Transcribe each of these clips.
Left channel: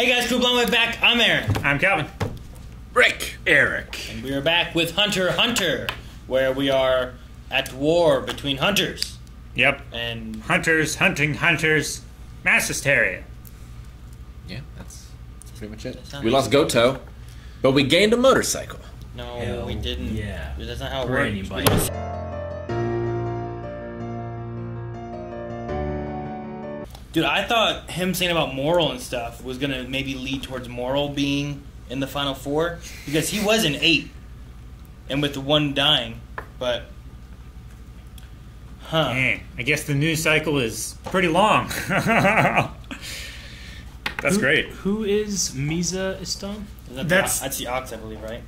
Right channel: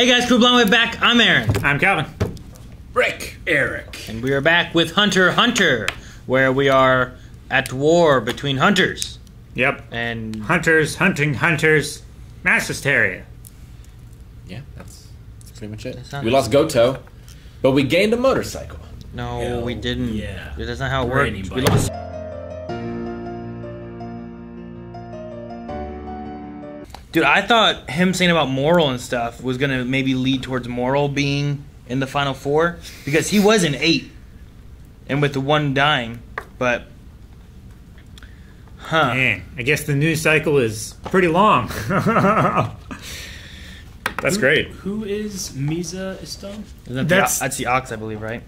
Hey guys, Crew Blonde Way back. I'm Aaron. I'm Calvin. Rick. Eric. And we are back with Hunter x Hunter, where we are at war between hunters. Yep. And hunters hunting hunters. Mass hysteria. Yeah, that's pretty much it. Not We lost Goto, but we gained a motorcycle. no, Hell, we didn't. yeah. That's not how it For works. anybody. We lost. Dude, I thought him saying about moral and stuff was gonna maybe lead towards moral being in the final four because he was in 8, and with the one dying, but. Huh. Man, I guess the news cycle is pretty long. That's great. Who is Misa Stone? That's the Ox, I believe, right?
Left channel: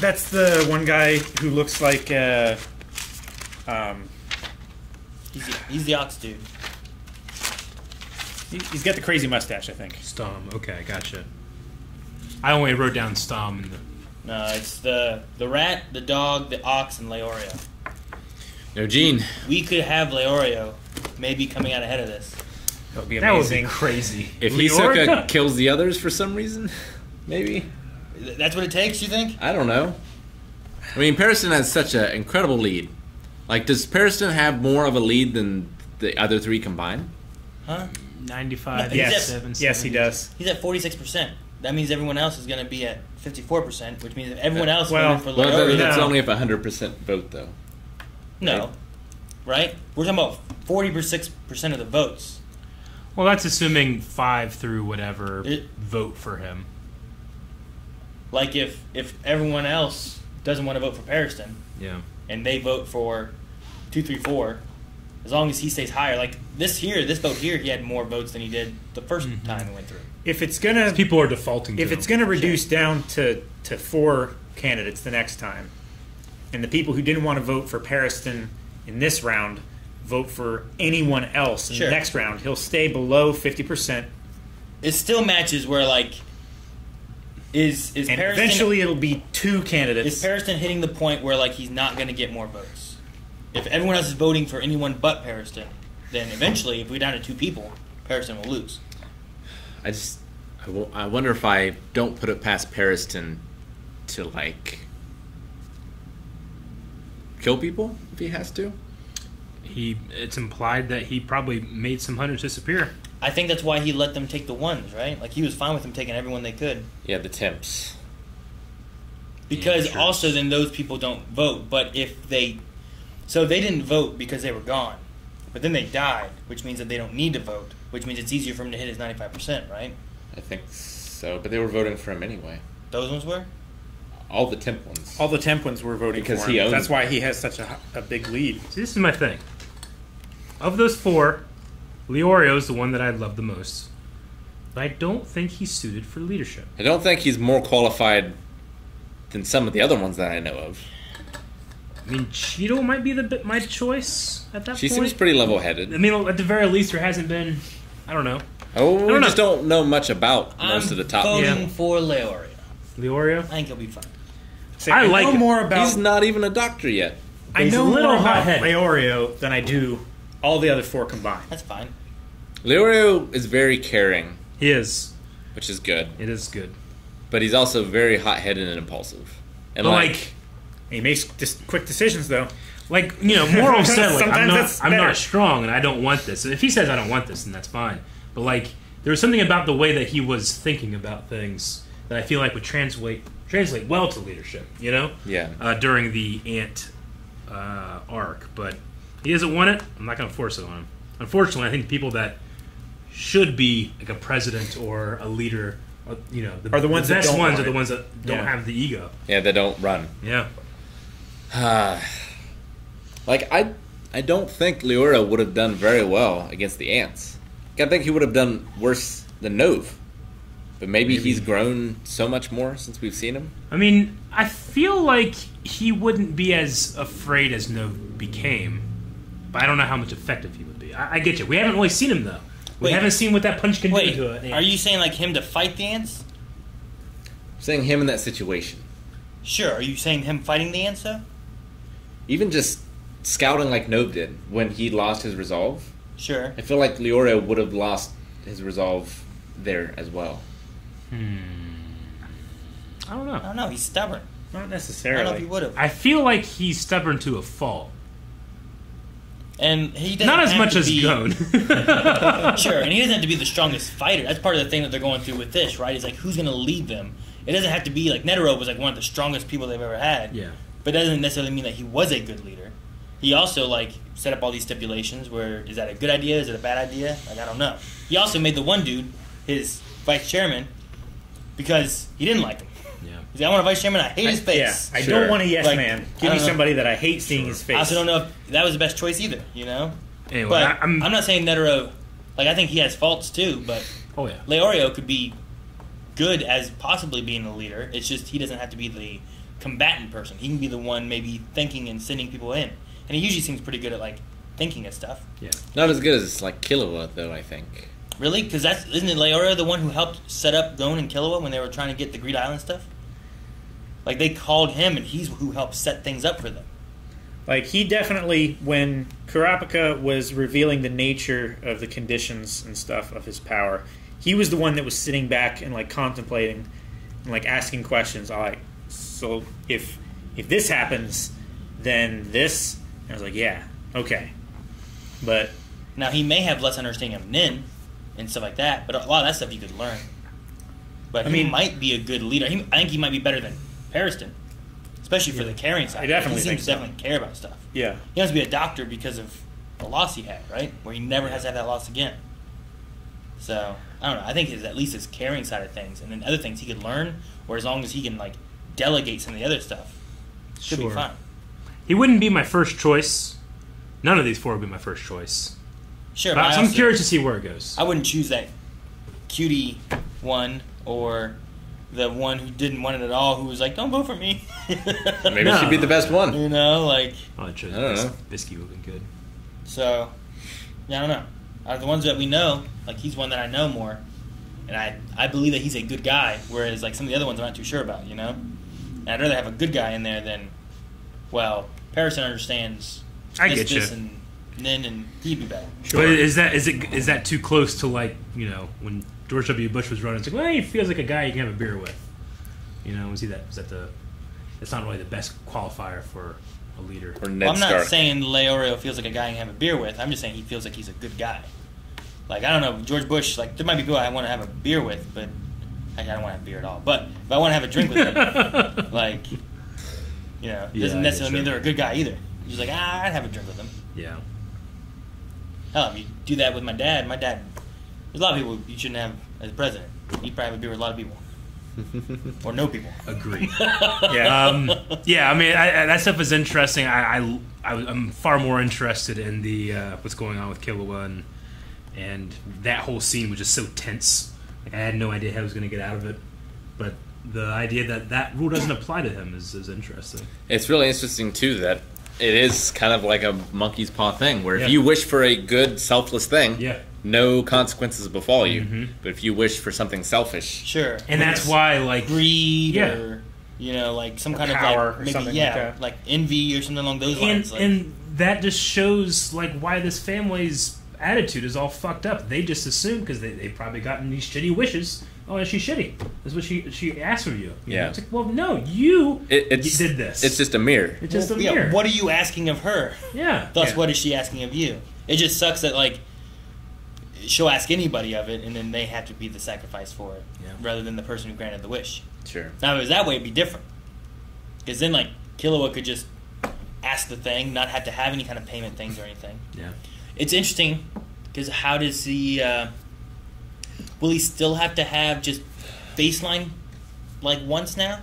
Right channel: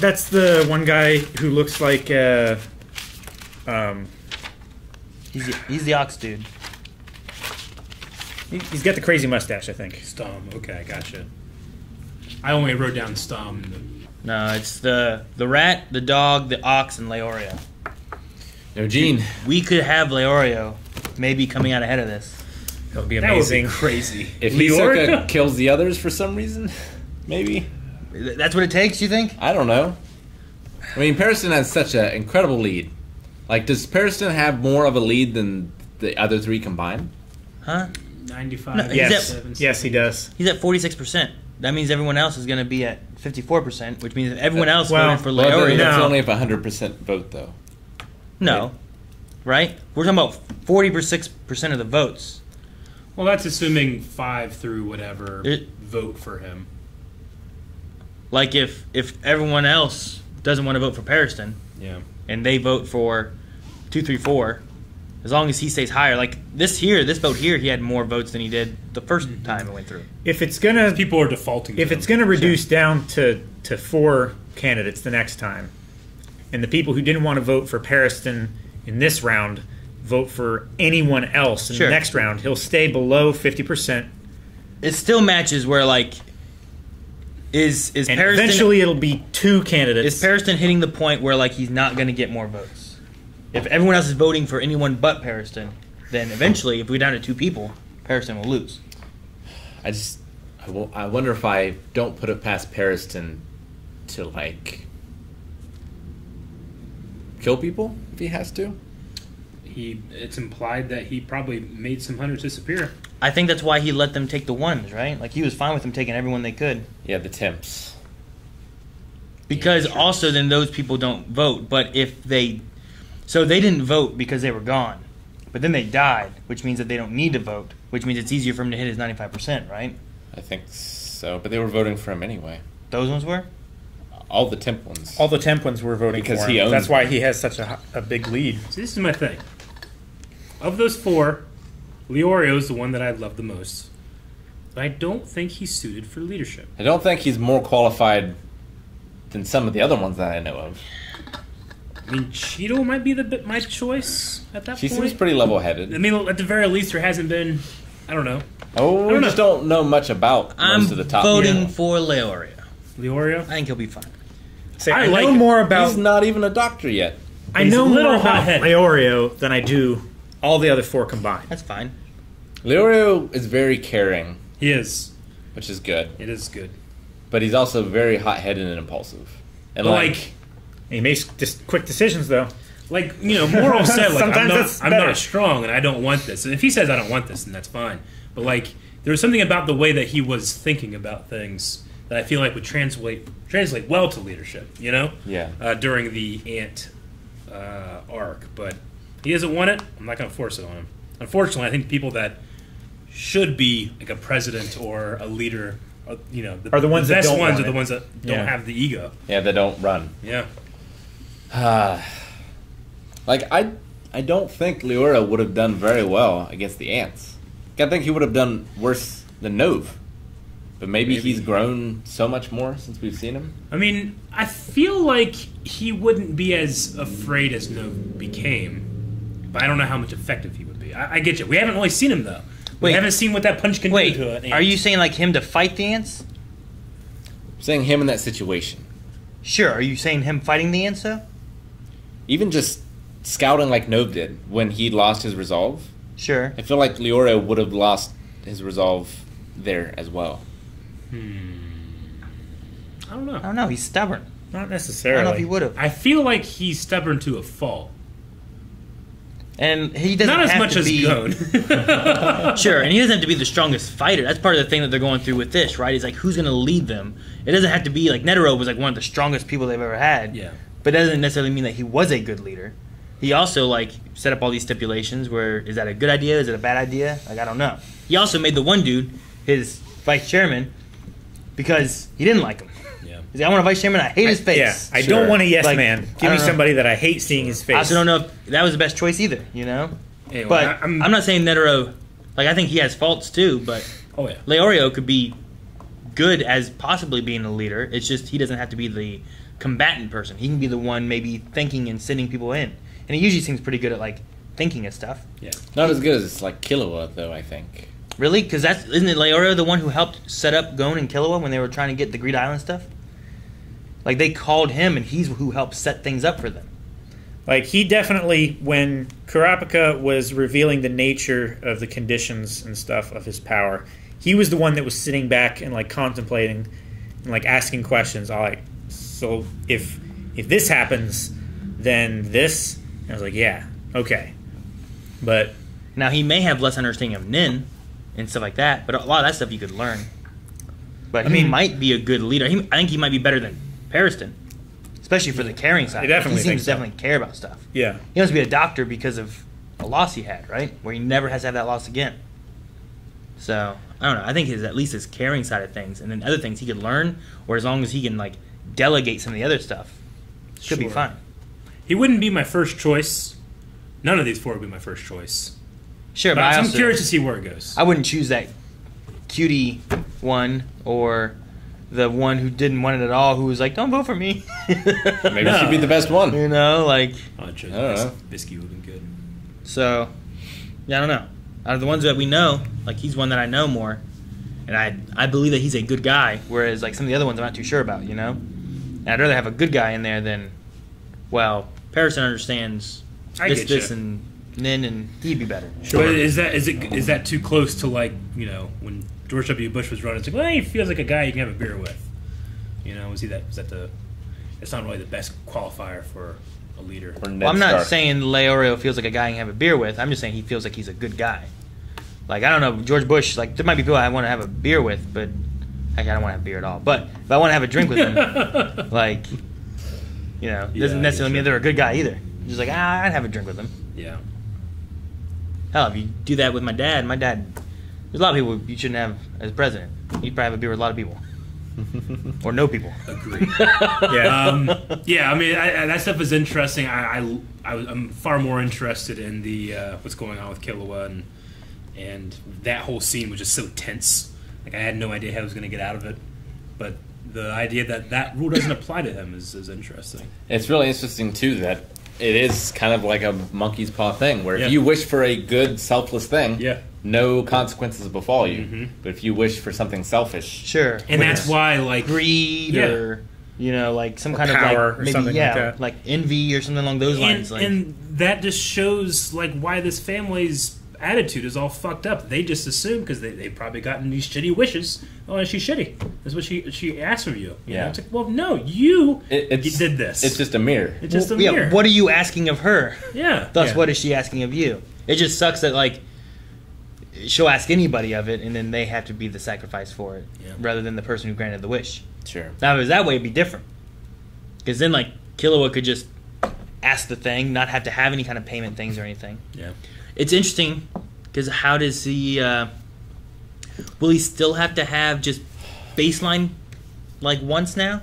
That's the one guy who looks like He's the Ox dude. he's got the crazy mustache, I think. Stom. Okay, gotcha. I only wrote down Stom. No, it's the rat, the dog, the ox, and Leorio. Eugene. We could have Leorio maybe coming out ahead of this. That would be That would be amazing. crazy. If Leorio? Hisoka kills the others for some reason, maybe. That's what it takes, you think? I don't know. I mean, Pariston has such an incredible lead. Like, does Pariston have more of a lead than the other three combined? Huh? 95. No, he's Yes, 7, yes, he does. He's at 46%. That means everyone else is going to be at 54%, which means everyone else Well, voted for Well, Leorio. that's No. only if 100% vote, though. No. Right? We're talking about 46% of the votes. Well, that's assuming 5 through whatever It- vote for him. Like if everyone else doesn't want to vote for Pariston, Yeah. and they vote for 2, 3, 4, as long as he stays higher. Like this vote here, he had more votes than he did the first time it went through. If it's gonna People are defaulting to if him. it's gonna reduce down to 4 candidates the next time, and the people who didn't want to vote for Pariston in this round vote for anyone else in Sure. the next round, he'll stay below 50%, It still matches where like is and Pariston eventually it'll be 2 candidates. is Pariston hitting the point where like he's not going to get more votes? If everyone else is voting for anyone but Pariston, then eventually, if we're down to 2 people, Pariston will lose. I wonder if I don't put it past Pariston to, like, kill people if he has to. It's implied that he probably made some hunters disappear. I think that's why he let them take the ones, right? Like he was fine with them taking everyone they could. Yeah, the temps. Because Yeah, sure. also then those people don't vote. But if so they didn't vote because they were gone. But then they died, which means that they don't need to vote, which means it's easier for him to hit his 95%, right? I think so, but they were voting for him anyway. Those ones were? All the temp ones. All the Templins were voting Because for him. he owns That's why them. he has such a big lead. So this is my thing. Of those 4, Leorio is the one that I love the most. But I don't think he's suited for leadership. I don't think he's more qualified than some of the other ones that I know of. I mean, Cheeto might be my choice at that She point. seems pretty level-headed. I mean, at the very least, there hasn't been. I don't know. Oh, we don't just don't know much about most of the top. voting for Leorio. Leorio. I think he'll be fine. Say, I I like know it. more about He's not even a doctor yet. I He's know a little more about hot-headed. Leorio than I do all the other 4 combined. That's fine. Leorio is very caring, He is. which is good, It is good. but he's also very hot-headed and impulsive. And Like, He makes quick decisions, though. Moral said, like, I'm Sometimes not better. strong and I don't want this. And if he says I don't want this, then that's fine. But like, there was something about the way that he was thinking about things that I feel like would translate well to leadership. Yeah. During the Ant arc, but he hasn't won it. I'm not going to force it on him. Unfortunately, I think people that should be like a president or a leader, Are the ones that best don't ones want are the it. ones that don't Yeah. have the ego. Yeah, they don't run. Yeah. Like, I don't think Leorio would have done very well against the Ants. I think he would have done worse than Nove. But maybe he's grown so much more since we've seen him. I mean, I feel like he wouldn't be as afraid as Nove became, but I don't know how much effective he would be. I get you. We haven't really seen him, though. We Wait. haven't seen what that punch can Wait, do to an ant. are you saying like him to fight the ants? I'm saying him in that situation. Sure. Are you saying him fighting the ants, though? Even just scouting like Nove did when he lost his resolve. Sure. I feel like Leorio would have lost his resolve there as well. I don't know. I don't know. He's stubborn. Not I necessarily. don't know if he would have. I feel like he's stubborn to a fault. And he doesn't Not as have much to as be Goad. sure, and he doesn't have to be the strongest fighter. That's part of the thing that they're going through with this, right? Is like who's going to lead them. It doesn't have to be like Netero was like one of the strongest people they've ever had. Yeah. But that doesn't necessarily mean that he was a good leader. He also like set up all these stipulations where is that a good idea? Is it a bad idea? Like I don't know. He also made the one dude his vice chairman because he didn't like him. Yeah. He's like, I want a vice chairman. I hate his face. Yeah, I Sure. don't want a yes Like, man. I Give don't me know. somebody that I hate seeing his face. I also don't know if that was the best choice either. You know. Anyway, But I'm not saying Netero. Like I think he has faults too, but Oh yeah. Leorio could be good as possibly being a leader. It's just he doesn't have to be the combatant person. He can be the one maybe thinking and sending people in. And he usually seems pretty good at like thinking of stuff. Yeah. Not as good as like Killua, though. I think. Really? Because isn't it Leorio the one who helped set up Gon and Killua when they were trying to get the Greed Island stuff? Like they called him, and he's who helped set things up for them. Like, he definitely, when Kurapika was revealing the nature of the conditions and stuff of his power, he was the one that was sitting back and, like, contemplating and, like, asking questions. Like, so if this happens, then this? And I was like, yeah, okay. But Now he may have less understanding of Nin and stuff like that, but a lot of that stuff you could learn. But he might be a good leader. I think he might be better than Pariston, especially for the caring side. I definitely he seems think to so. definitely care about stuff. yeah. He wants to be a doctor because of a loss he had, right? Where he never has to have that loss again. So, I don't know. I think his at least his caring side of things. And then other things he could learn, or as long as he can, like, delegate some of the other stuff, should be Sure. fine. He wouldn't be my first choice. None of these four would be my first choice. Sure, But but I'm also, curious to see where it goes. I wouldn't choose that cutie one or the one who didn't want it at all, who was like, don't vote for me. Maybe she'd be the best one. You know, like, I chose I don't know. Biscuit would have been good. so, yeah, I don't know. Out of the ones that we know, like, he's one that I know more. And I believe that he's a good guy, whereas, like, some of the other ones I'm not too sure about, you know? And I'd rather have a good guy in there than, well, Pariston understands I this, get this, you. and Nin, and he'd be better. But is that too close to, like, you know, when George W. Bush was running? It's like, well, he feels like a guy you can have a beer with. You know, was that that's not really the best qualifier for a leader. Or Ned Well, I'm not Stark. saying Leorio feels like a guy you can have a beer with. I'm just saying he feels like he's a good guy. Like, I don't know, George Bush, like, there might be people I want to have a beer with, but actually, I don't want to have beer at all. But if I want to have a drink with him, like, you know, it doesn't Yeah, necessarily mean sure. they're a good guy either. Just like, I'd have a drink with him. Yeah. Hell, if you do that with my dad, there's a lot of people you shouldn't have as president. You'd probably have a beer with a lot of people. Or no people. Agreed. Yeah. Yeah, I mean, that stuff is interesting. I'm far more interested in the what's going on with Killua, and that whole scene was just so tense. Like, I had no idea how he was going to get out of it. But the idea that rule doesn't apply to him is interesting. It's really interesting too that it is kind of like a monkey's paw thing, where Yeah. if you wish for a good, selfless thing, Yeah. no consequences befall you. Mhm. But if you wish for something selfish, Sure. And With that's why, like, greed Yeah. or, you know, like some kind power of or like, maybe, something like yeah, that. like envy or something along those lines. Like, and that just shows, like, why this family's attitude is all fucked up. They just assume, because they've probably gotten these shitty wishes. Oh, she's shitty. That's what she asked from you. You know? Yeah. It's like, well, no, you it's did this. It's just a mirror. It's just a yeah, mirror. what are you asking of her? Yeah. Thus, Yeah. what is she asking of you? It just sucks that, like, she'll ask anybody of it, and then they have to be the sacrifice for it, Yeah. rather than the person who granted the wish. Sure. Now, if it was that way, it'd be different. Because then, like, Killua could just ask the thing, not have to have any kind of payment things or anything. Yeah. It's interesting, because how does he... will he still have to have just baseline, like, once now?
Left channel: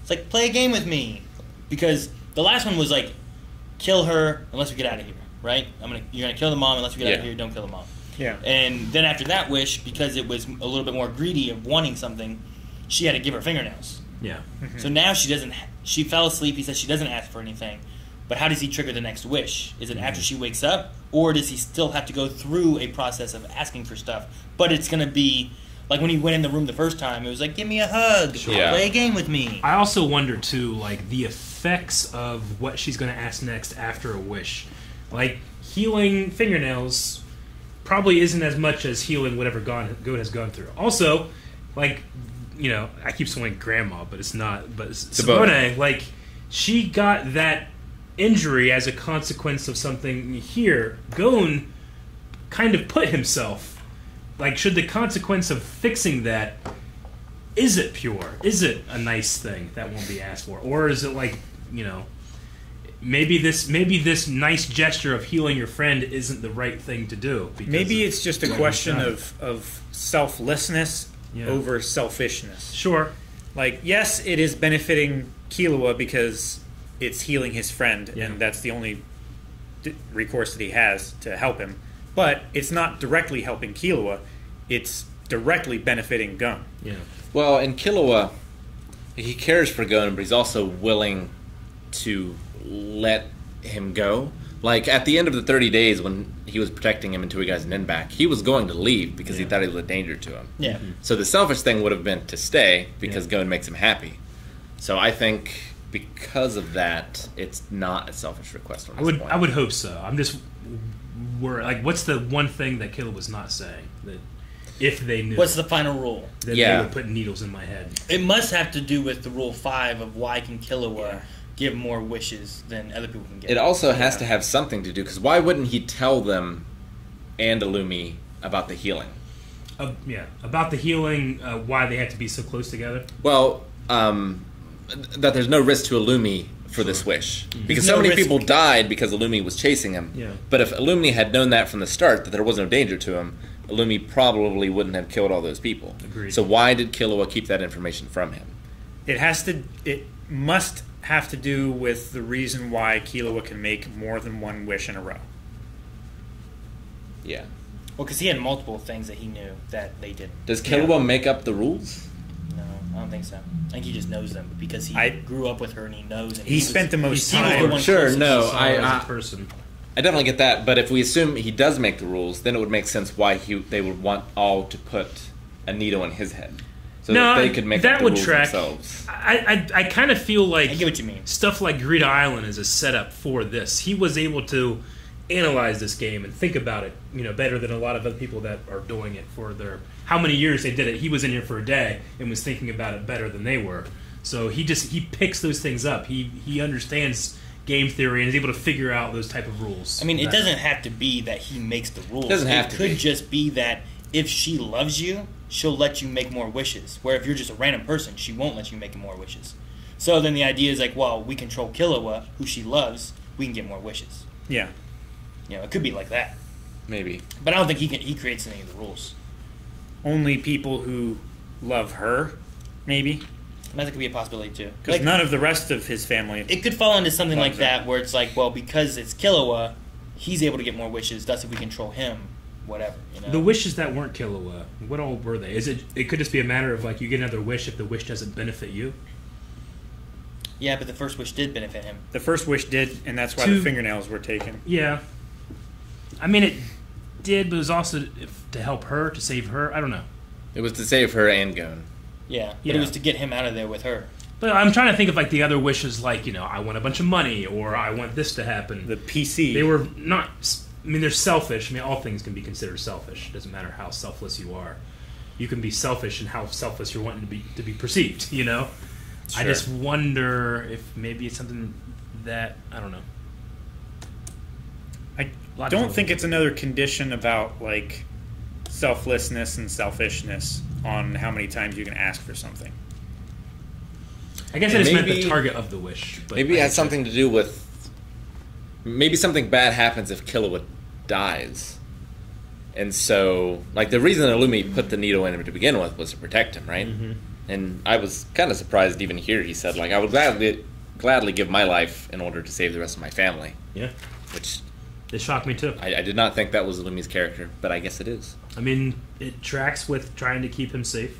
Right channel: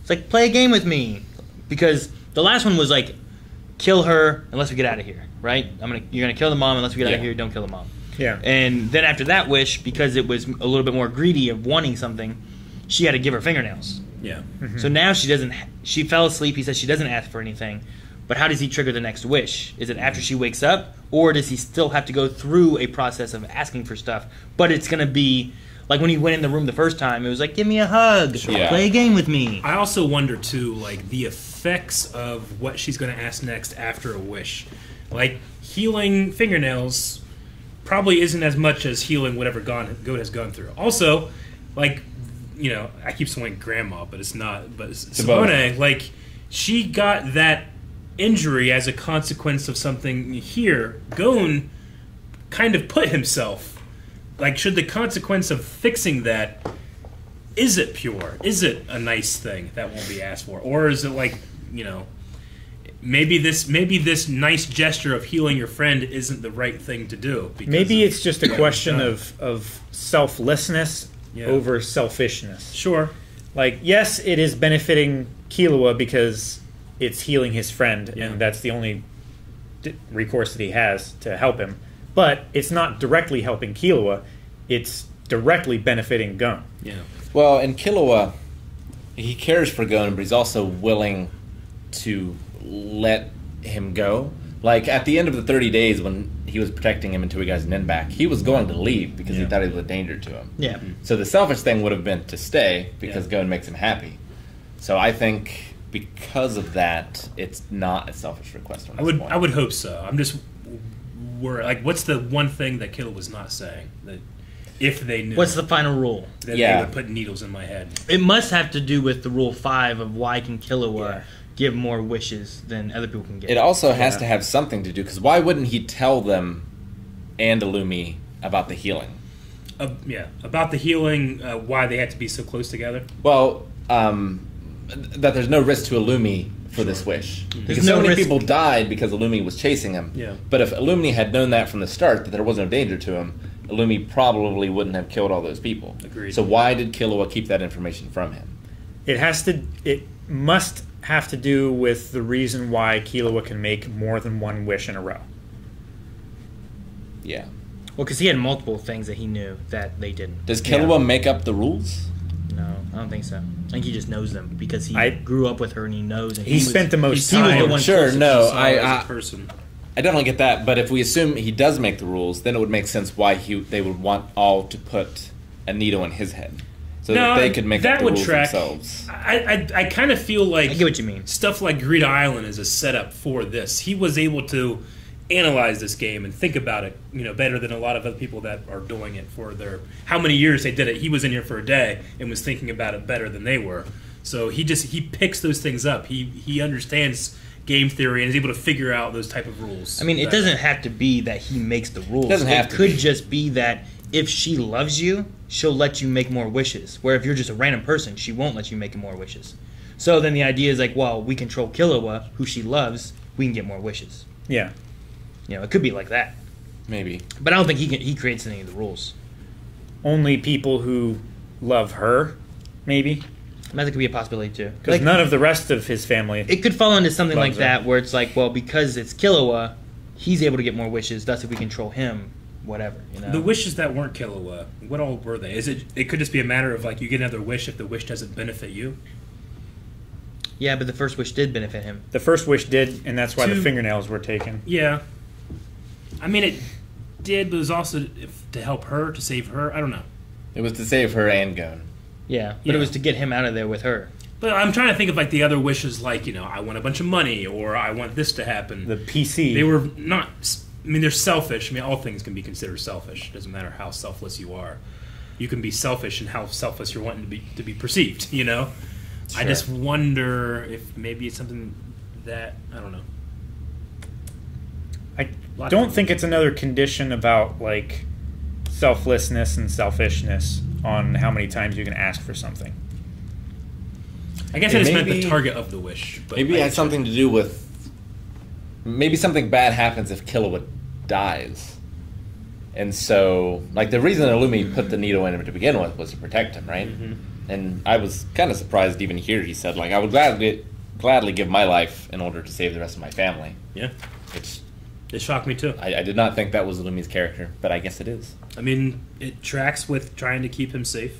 It's like, play a game with me. Because the last one was, like, kill her unless we get out of here, right? You're gonna kill the mom unless we get out of Yeah. here, don't kill the mom. Yeah. And then after that wish, because it was a little bit more greedy of wanting something, she had to give her fingernails. Yeah. So now she doesn't. She fell asleep. He says she doesn't ask for anything. But how does he trigger the next wish? Is it after she wakes up, or does he still have to go through a process of asking for stuff? But it's gonna be like when he went in the room the first time. It was like, give me a hug, Yeah. play a game with me. I also wonder, too, like, the effects of what she's going to ask next after a wish. Like, healing fingernails probably isn't as much as healing whatever Goat has gone through. Also, like, you know, I keep saying grandma, but it's not. But Simone, like, she got that injury as a consequence of something here. Gon kind of put himself. Like, should the consequence of fixing that, is it pure? Is it a nice thing that won't be asked for? Or is it like, you know, maybe this nice gesture of healing your friend isn't the right thing to do? Maybe it's just a question of selflessness over selfishness. Sure. Like, yes, it is benefiting Killua because it's healing his friend, and that's the only recourse that he has to help him. But it's not directly helping Killua. It's directly benefiting Gon. Yeah. Well, in Killua, he cares for Gon, but he's also willing to let him go. Like, at the end of the 30 days when he was protecting him until he got his nin back, he was going to leave because he thought he was a danger to him. Yeah. So the selfish thing would have been to stay because Gon makes him happy. So I think because of that, it's not a selfish request. I would hope so. I'm just worried. Like, what's the one thing that Killua was not saying? That if they knew, what's the final rule? Then they would put needles in my head. It must have to do with the rule 5 of why can Killua give more wishes than other people can get. It also has to have something to do, because why wouldn't he tell them and Illumi about the healing? About the healing, why they had to be so close together? Well, that there's no risk to Illumi for this wish. Because no so many risk. people died because Illumi was chasing him. Yeah. But if Illumi had known that from the start, that there was no danger to him, Illumi probably wouldn't have killed all those people. Agreed. So why did Killua keep that information from him? It must have to do with the reason why Killua can make more than one wish in a row. Yeah. Well, because he had multiple things that he knew that they didn't. Does Killua make up the rules? No, I don't think so. I think he just knows them because he grew up with her and he knows. And he spent the most he was time. the one Sure, closest no, to Saw as a person. I definitely get that, but if we assume he does make the rules, then it would make sense why they would want all to put a needle in his head. So that they could make up the rules themselves. I kind of feel like I get what you mean. Stuff like Greed Island is a setup for this. He was able to analyze this game and think about it, better than a lot of other people that are doing it for their how many years they did it. He was in here for a day and was thinking about it better than they were. So he picks those things up. He understands game theory and is able to figure out those type of rules. I mean, it doesn't have to be that he makes the rules. It could just be that if she loves you, she'll let you make more wishes. Where if you're just a random person, she won't let you make more wishes. So then the idea is like, well, we control Killua, who she loves, we can get more wishes. Yeah. It could be like that. Maybe. But I don't think he creates any of the rules. Only people who love her, maybe. And that could be a possibility too. Because none of the rest of his family. It could fall into something like her. that, where it's like, well, because it's Killua, he's able to get more wishes. Thus, if we control him, whatever. The wishes that weren't Killua, what all were they? It could just be a matter of like you get another wish if the wish doesn't benefit you. Yeah, but the first wish did benefit him. The first wish did, and that's why the fingernails were taken. Yeah. I mean, it did, but it was also to help her, to save her. I don't know. It was to save her and Gon. Yeah, but it was to get him out of there with her. But I'm trying to think of like the other wishes, like I want a bunch of money, or I want this to happen. The PC. They were not. I mean, they're selfish. I mean, all things can be considered selfish. It doesn't matter how selfless you are. You can be selfish in how selfless you're wanting to be perceived. Sure. I just wonder if maybe it's something that I don't know. I don't think it's another condition about like selflessness and selfishness on how many times you can ask for something. I guess I just meant the target of the wish. But maybe it has something to do with maybe something bad happens if Killua dies. And so, like, the reason Illumi put the needle in him to begin with was to protect him, right? Mm-hmm. And I was kind of surprised even here he said, like, I would gladly give my life in order to save the rest of my family. Yeah. Which it shocked me, too. I did not think that was Illumi's character, but I guess it is. I mean, it tracks with trying to keep him safe.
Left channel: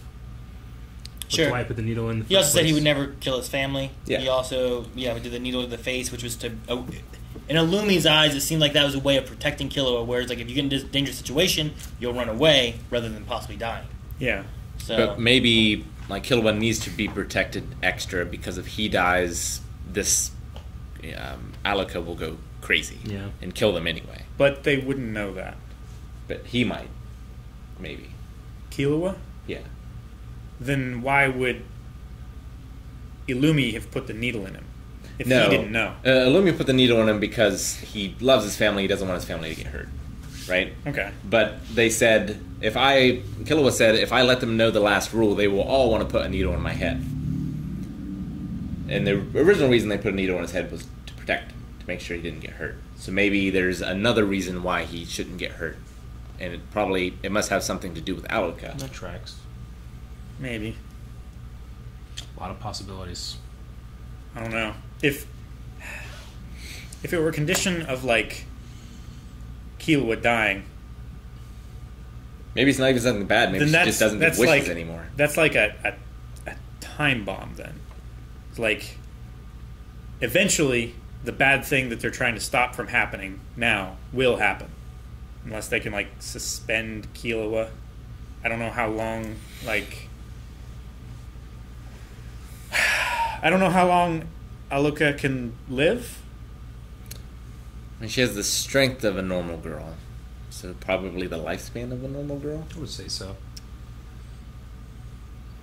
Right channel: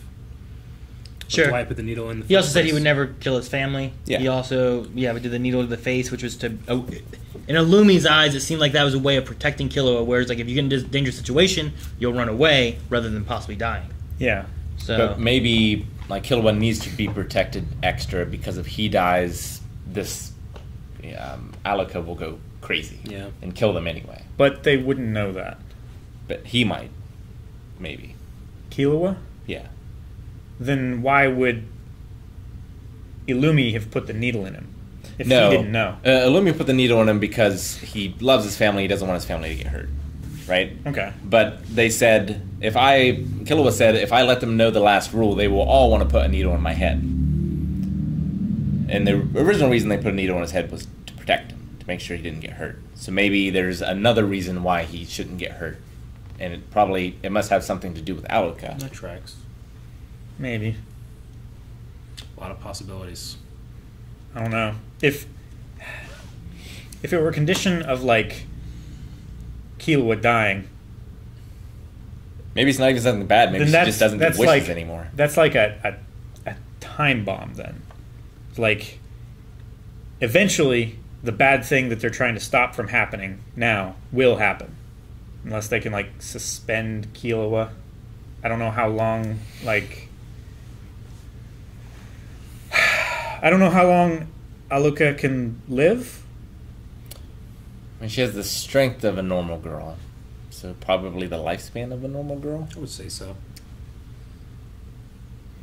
Sure. Why put the needle in the He also said he would never kill his family. Yeah. He also, did the needle to the face, which was to... in Illumi's eyes, it seemed like that was a way of protecting Killua, whereas like if you get in a dangerous situation, you'll run away rather than possibly dying. Yeah. So but maybe like Killua needs to be protected extra because if he dies, this Alaka will go crazy and kill them anyway. But they wouldn't know that. But he might. Maybe. Killua? Yeah. Then why would Illumi have put the needle in him? If No. he didn't know. Illumia put the needle on him because he loves his family. He doesn't want his family to get hurt. Right? Okay. But they said, Killua said, if I let them know the last rule, they will all want to put a needle in my head. And the original reason they put a needle in his head was to protect him, to make sure he didn't get hurt. So maybe there's another reason why he shouldn't get hurt. And it must have something to do with Aluka. That tracks. Maybe. A lot of possibilities. I don't know. If it were a condition of, like, Killua dying... Maybe it's not even something bad. Maybe she just doesn't get wishes anymore. That's like a time bomb, then. It's like, eventually, the bad thing that they're trying to stop from happening now will happen. Unless they can, like, suspend Killua. I don't know how long, like... I don't know how long Aluka can live. I mean, she has the strength of a normal girl. So probably the lifespan of a normal girl? I would say so.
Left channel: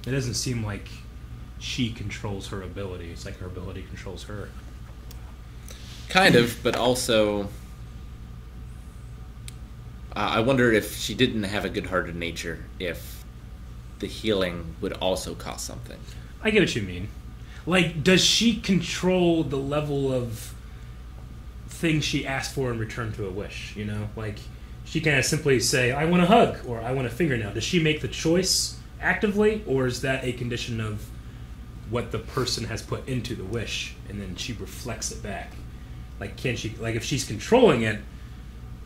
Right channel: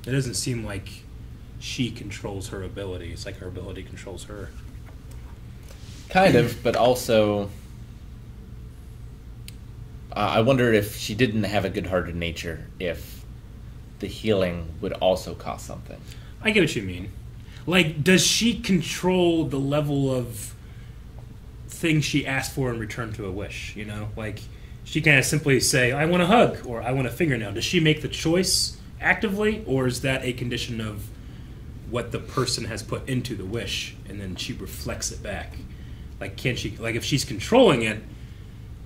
It doesn't seem like she controls her ability. It's like her ability controls her. Kind of, but also... I wonder if she didn't have a good-hearted nature, if the healing would also cost something. I get what you mean. Like, does she control the level of things she asked for in return to a wish, you know? Like, she can simply say, I want a hug, or I want a fingernail. Does she make the choice actively, or is that a condition of what the person has put into the wish, and then she reflects it back? Like, can she, like, if she's controlling it,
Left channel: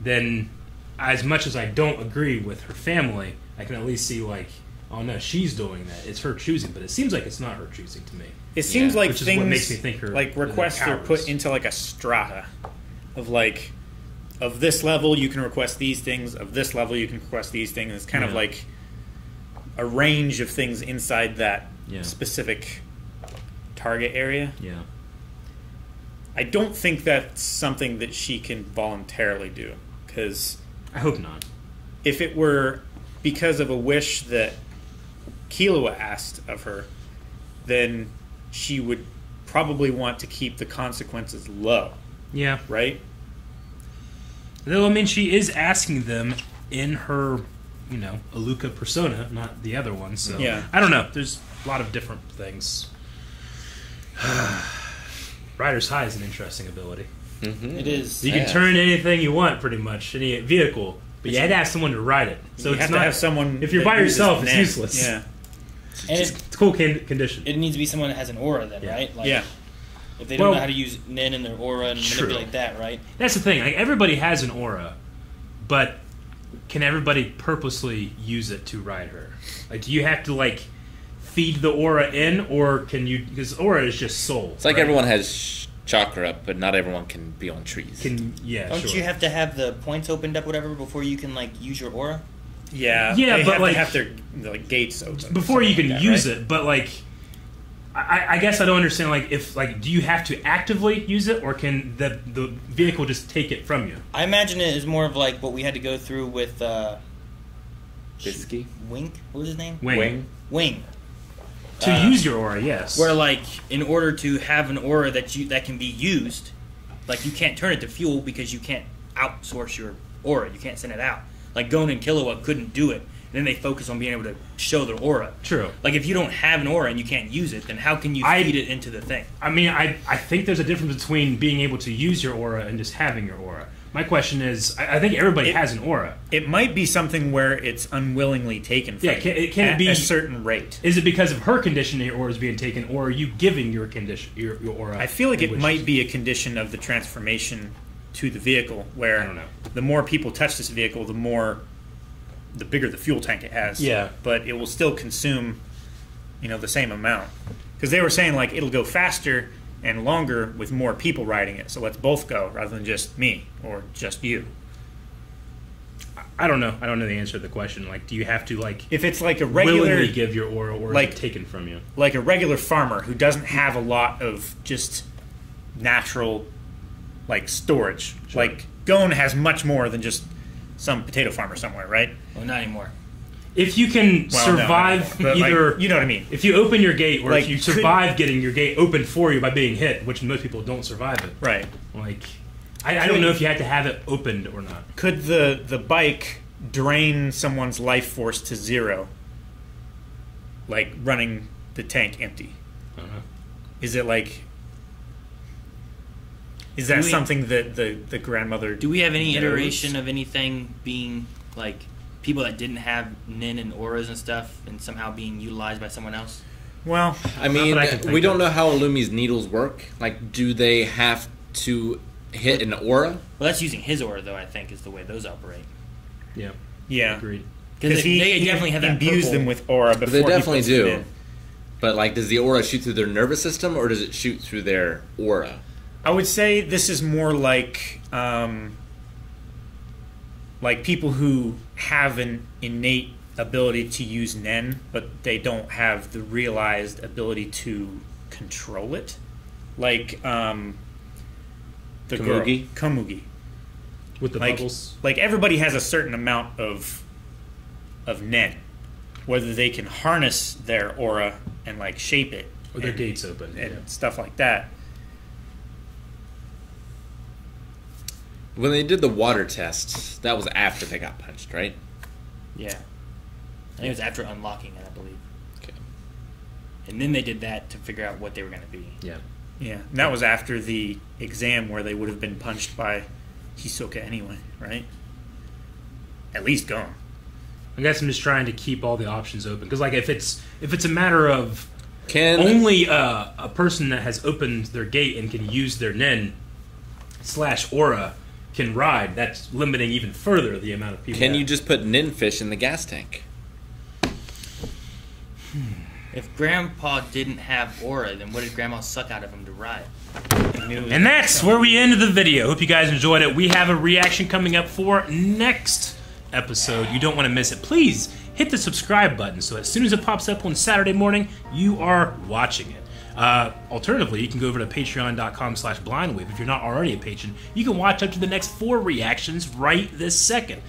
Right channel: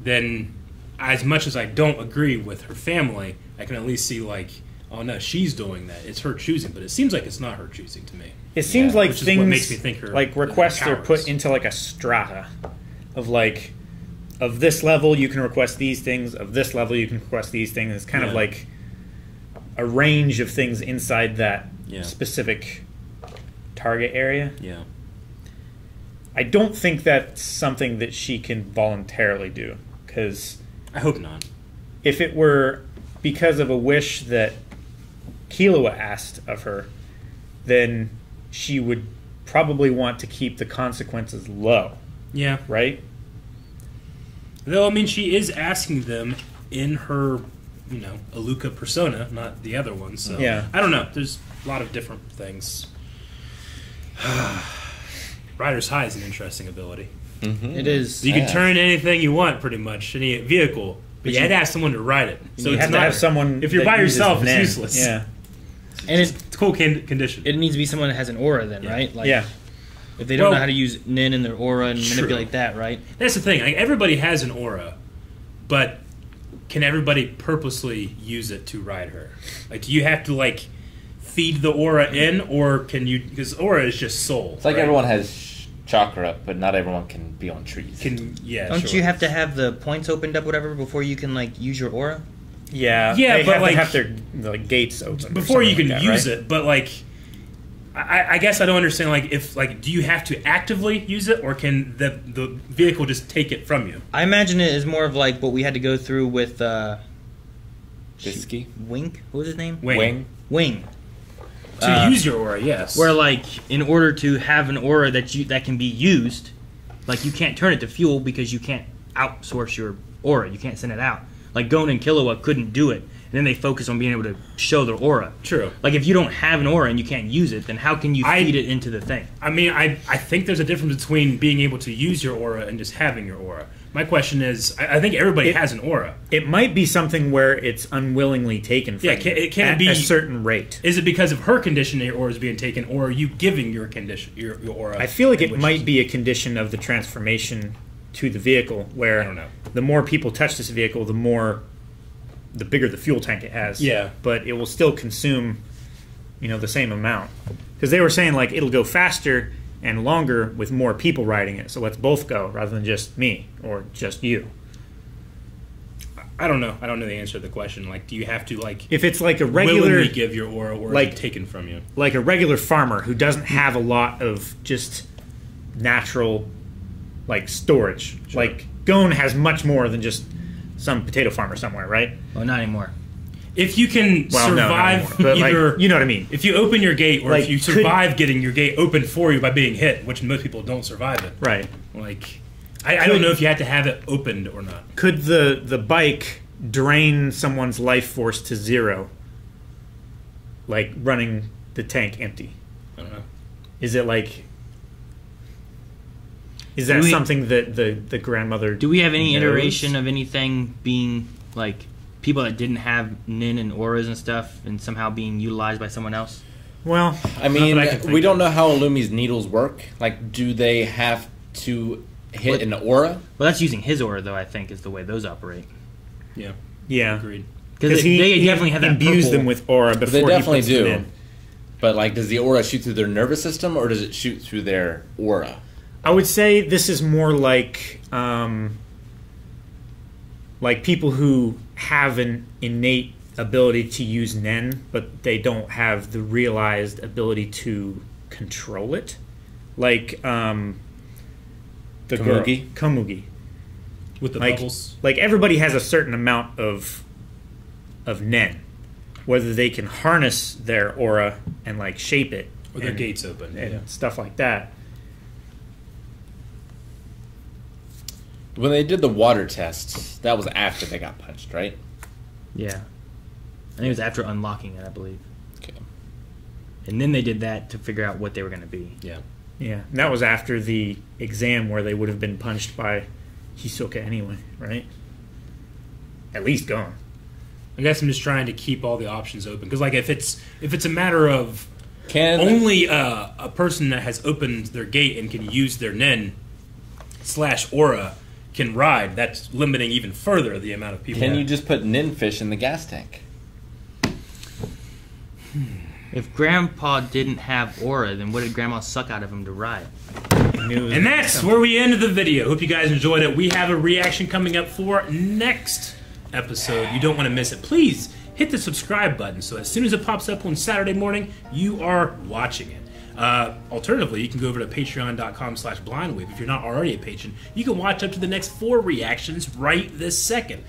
then as much as I don't agree with her family, I can at least see, like, oh no, she's doing that. It's her choosing, but it seems like it's not her choosing to me. It seems like which is things, what makes me think her, like, requests are put into, like, a strata of, like, of this level you can request these things, of this level you can request these things. It's kind of like a range of things inside that specific target area. Yeah. I don't think that's something that she can voluntarily do, because I hope not. if it were because of a wish that Killua asked of her, then she would probably want to keep the consequences low. Yeah. Right? Though, I mean, she is asking them in her, you know, Aluka persona, not the other one. So yeah. I don't know. There's a lot of different things. Rider's High is an interesting ability. Mm-hmm. It is. You can turn anything you want, pretty much, any vehicle. But you had to have someone to ride it. So you it's have not, to have someone. If you're by yourself, it's Nen. useless. Yeah. And it's a cool condition. It needs to be someone that has an aura, then, right? Like, yeah. If they don't know how to use Nin in their aura and manipulate that, right? That's the thing. Like, everybody has an aura, but can everybody purposely use it to ride her? Like, do you have to, like, feed the aura in, or can you? Because aura is just soul. It's like right? everyone has chakra, but not everyone can be on trees. Don't you have to have the points opened up, whatever, before you can like use your aura? Yeah. Yeah, they but have like to have their gates open before you can like that, use right? it. But like, I guess I don't understand. Like, if like, do you have to actively use it, or can the vehicle just take it from you? I imagine it is more of like what we had to go through with Bisky? Wink. What was his name? Wing. To use your aura, yes. Where like in order to have an aura that can be used, like you can't turn it to fuel because you can't outsource your aura. You can't send it out. Like Gon and Killua couldn't do it. And then they focus on being able to show their aura. True. Like if you don't have an aura and you can't use it, then how can you feed it into the thing? I mean, I think there's a difference between being able to use your aura and just having your aura. My question is, I think everybody has an aura. It might be something where it's unwillingly taken from it can at be a certain rate. Is it because of her condition your aura is being taken, or are you giving your condition your aura? I feel like it might be a condition of the transformation to the vehicle, where I don't know. The more people touch this vehicle, the bigger the fuel tank it has. Yeah. But it will still consume, the same amount. Because they were saying, like, it'll go faster and longer with more people riding it. So let's both go rather than just me or just you. I don't know. I don't know the answer to the question. Like, do you have to, like... If it's like a regular... willingly give your aura, or is it taken from you? Like a regular farmer who doesn't have a lot of just natural, like, storage. Sure. Like, Gon has much more than just some potato farmer somewhere, right? Well, not anymore. If you can Well, no, survive not anymore, but, either, like, you know what I mean. if you open your gate, or Like, if you survive getting your gate opened for you by being hit, which most people don't survive it. Right. Like, I don't know if you had to have it opened or not. Could the bike drain someone's life force to 0, like running the tank empty? I don't know. Is it like? Is that Do we- something that the grandmother? Do we have any knows? iteration of anything being like people that didn't have nin and auras and stuff, and somehow being utilized by someone else? Well, I mean, that I can think we don't of. know how Illumi's needles work. Like, do they have to hit an aura? Well, that's using his aura, though. I think is the way those operate. Yeah, yeah, agreed. Because they definitely have that imbues purple. them with aura before They he definitely puts them do. in. But, like, does the aura shoot through their nervous system, or does it shoot through their aura? I would say this is more like people who have an innate ability to use Nen, but they don't have the realized ability to control it. Like the Komugi? Komugi. With the Like, bubbles. like everybody has a certain amount of Nen, whether they can harness their aura and like shape it With their and- gates open. and Yeah. stuff like that. When they did the water test, that was after they got punched, right? Yeah, I think it was after unlocking it, I believe. Okay. And then they did that to figure out what they were going to be. Yeah. Yeah, and that was after the exam where they would have been punched by Hisoka anyway, right? At least gone. I guess I'm just trying to keep all the options open because, like, if it's a matter of Can only a person that has opened their gate and can use their Nen / aura can ride, that's limiting even further the amount of people. Can you just put Ninfish in the gas tank? If Grandpa didn't have aura, then what did Grandma suck out of him to ride? And that's where we ended the video. Hope you guys enjoyed it. We have a reaction coming up for next episode. You don't want to miss it. Please hit the subscribe button so as soon as it pops up on Saturday morning, you are watching it. Alternatively, you can go over to patreon.com/blindwave. If you're not already a patron, you can watch up to the next 4 reactions right this second.